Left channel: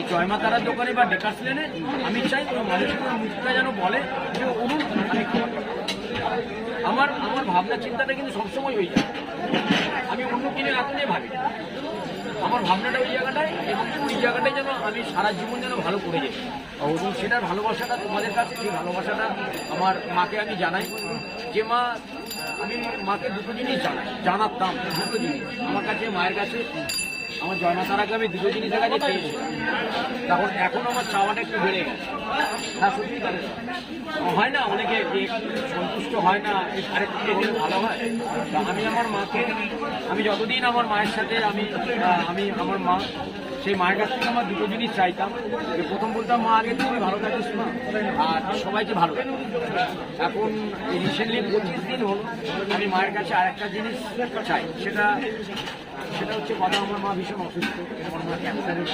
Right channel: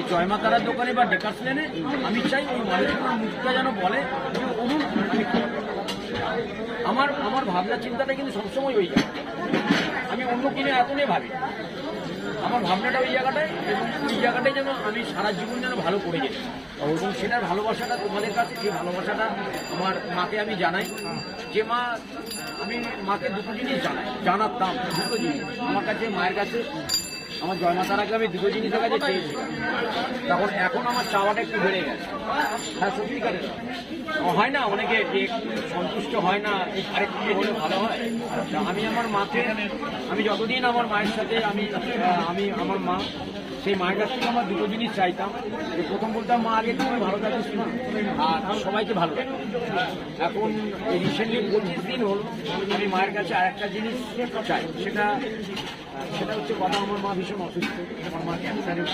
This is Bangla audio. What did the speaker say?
এই জয়মা তারার দোকানে বা ডেকাস লেনে আমি চাই ওই মানুষগুলোর মুখটা যেন বলে যে অনুর আমি করব। আমার ভাবনা চিন্তাটা কিন্তু সবসময় ওই যায়, আমি অন্য কিনে এত নিয়ে ভাবি, আমার ভাবনাটা ওই জায়গাটায়, এবং ওই জায়গাটায় যেন আমি সারা জীবন যেন ভালো করে যাই, এবং সেটার ভালোবাসাটা তোমাদের কাছে, সেই ভালোবাসাটা আমার মাকে আমি জানাই যে মা, আমি মাকে দুটো জিনিস জানাতাম, দুটো জিনিস আমার কাছে, মায়ের কাছে আমার জন্ম তার আগে আমি দুটো জিনিস দেখা যাচ্ছে, তখন এখন আমার চাওয়াটা একটু বেড়ে গেছে। হ্যাঁ সত্যিকারে হয় না, অনেকে সন্তুষ্ট হয় না, আরেকটু হলে ভালো হয়। আমি আমার মাকে, আমি যতদিন আমার মায়ের সাথে আমি আমার মা, সেই মায়ের কাছ থেকে আমার দুটো জিনিস চাইতাম। প্রথম বলতাম মা আগে তুমি ভালো থাকিস না, আর সবাইকে ভালো লাগে। এখন এই রিসেন্টলি 25 দিন হল আমি মায়ের কাছে আরেকটা জিনিস চাই, সেটা হচ্ছে কথা, আমার মা ভীষণ অসুস্থ, আমার মা ক্যান্সারের